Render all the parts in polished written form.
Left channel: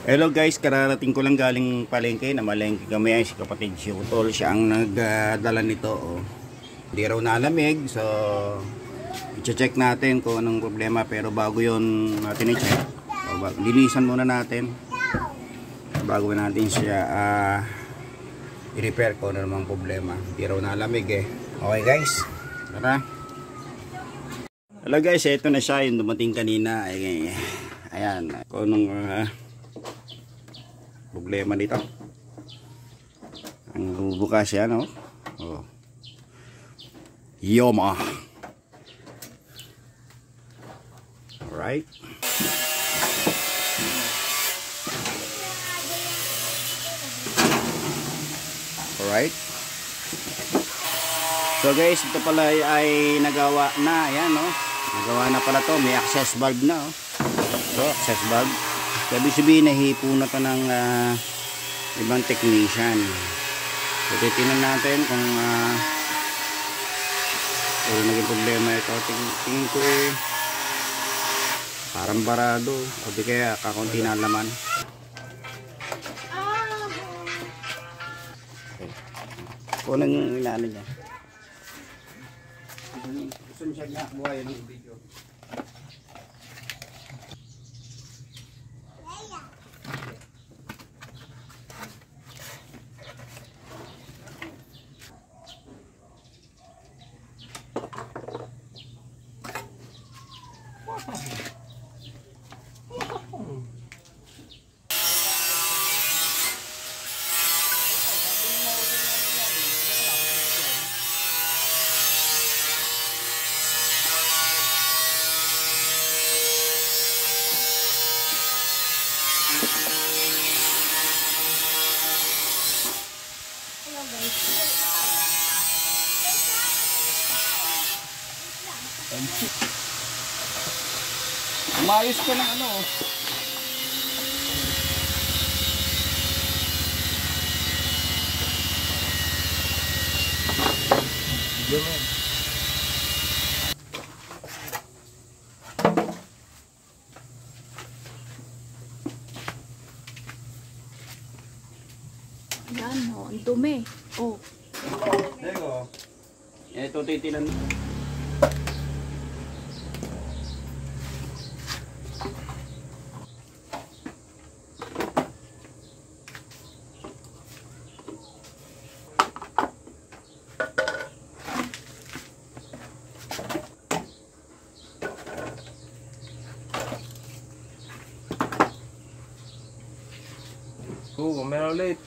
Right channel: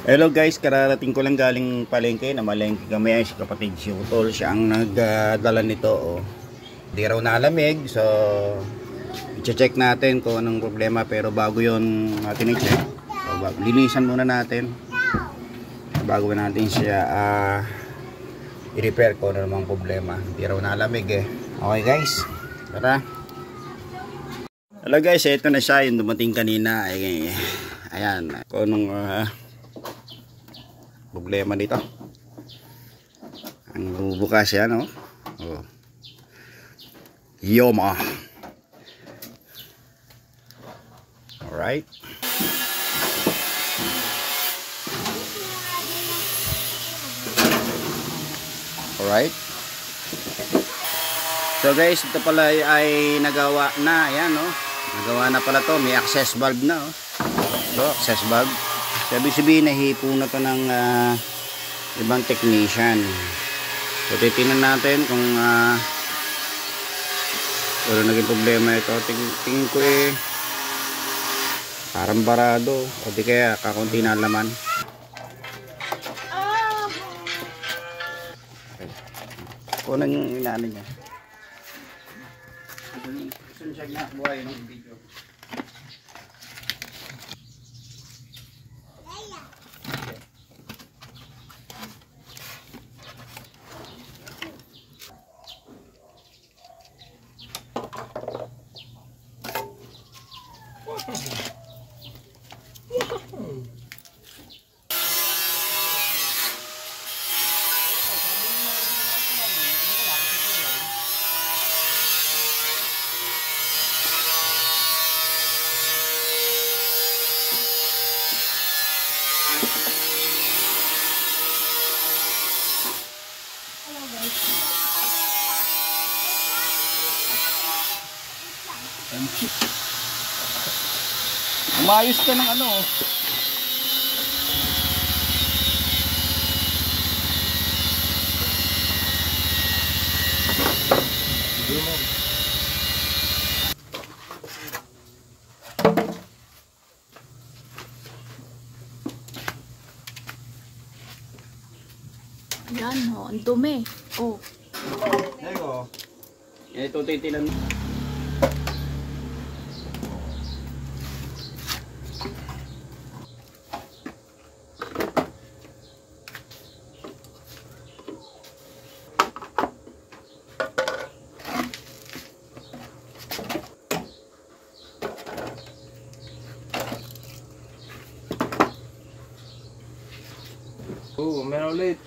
Hello guys, kararating ko lang galing palengke. Namalengke kami ay si kapatid si Utol. Siya ang nagdala nito. Oh. Di raw nalamig. So, i-check natin kung anong problema. Pero bago yon natin i-check. Linisan muna natin. Bago natin siya i-repair kung ano namang problema. Di raw nalamig eh. Okay guys, tara. Hello guys, ito na siya. Yung dumating kanina. Ayan. Kung anong problema dito. Ang bubukas yan, no? Oh. Yoma. Alright. Alright. So guys, ito pala ay nagawa na. Ayan, no? Nagawa na pala to. May access valve na, oh. So, access valve. Sabi sabihin, nahipo na to ng ibang technician. So, titignan natin kung ano naging problema ito. Tingin ko eh, parang barado. O di kaya kakunti na laman. Kunan yung inaano niya. Gusto siya nakabuhay ng video. Umayos ka ng ano. Yan, oh, ang dumi. Oh. Eko. Ito titinan. Meron ulit.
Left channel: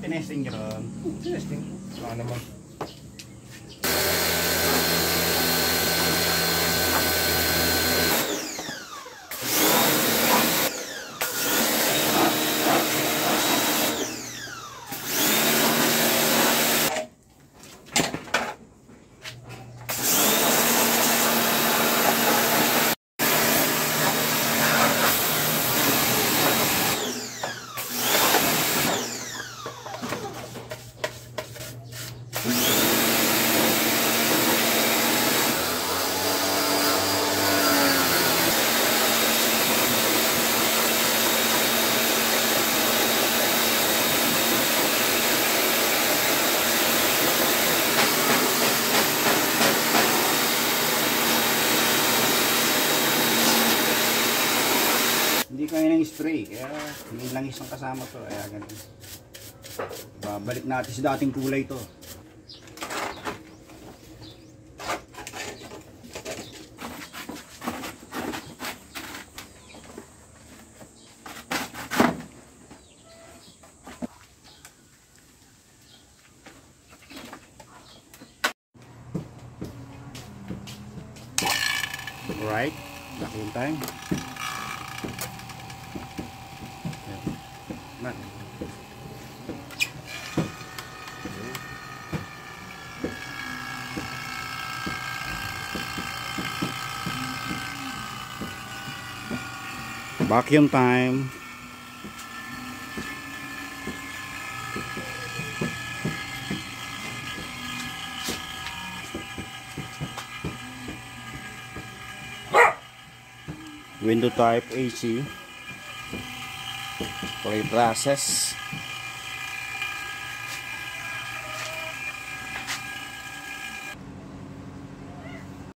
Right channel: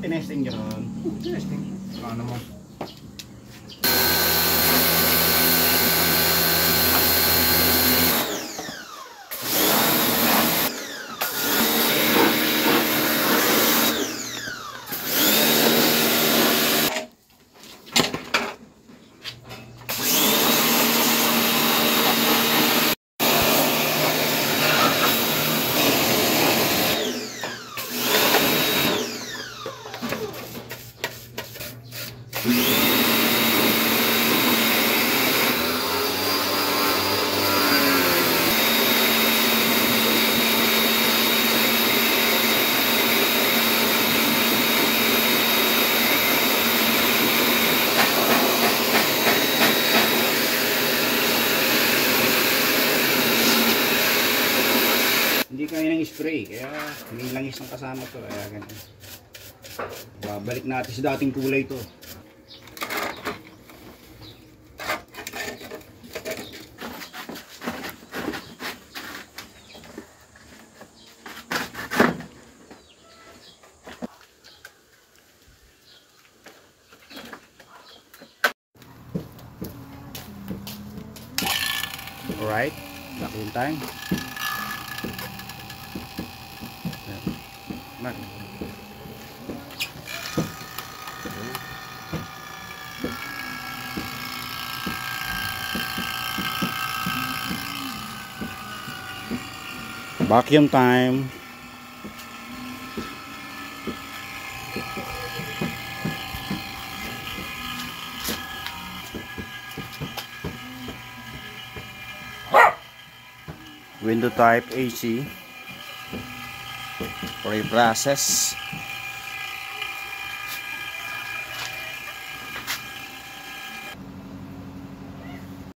Tinesting nyo ron. Tinesting. Wala naman. Hindi kami nang spray, kaya may langis ang kasama to. Kaya ganun. Babalik natin sa dating kulay to. Alright, back in time. Vacuum time. Window type AC. Pre-process.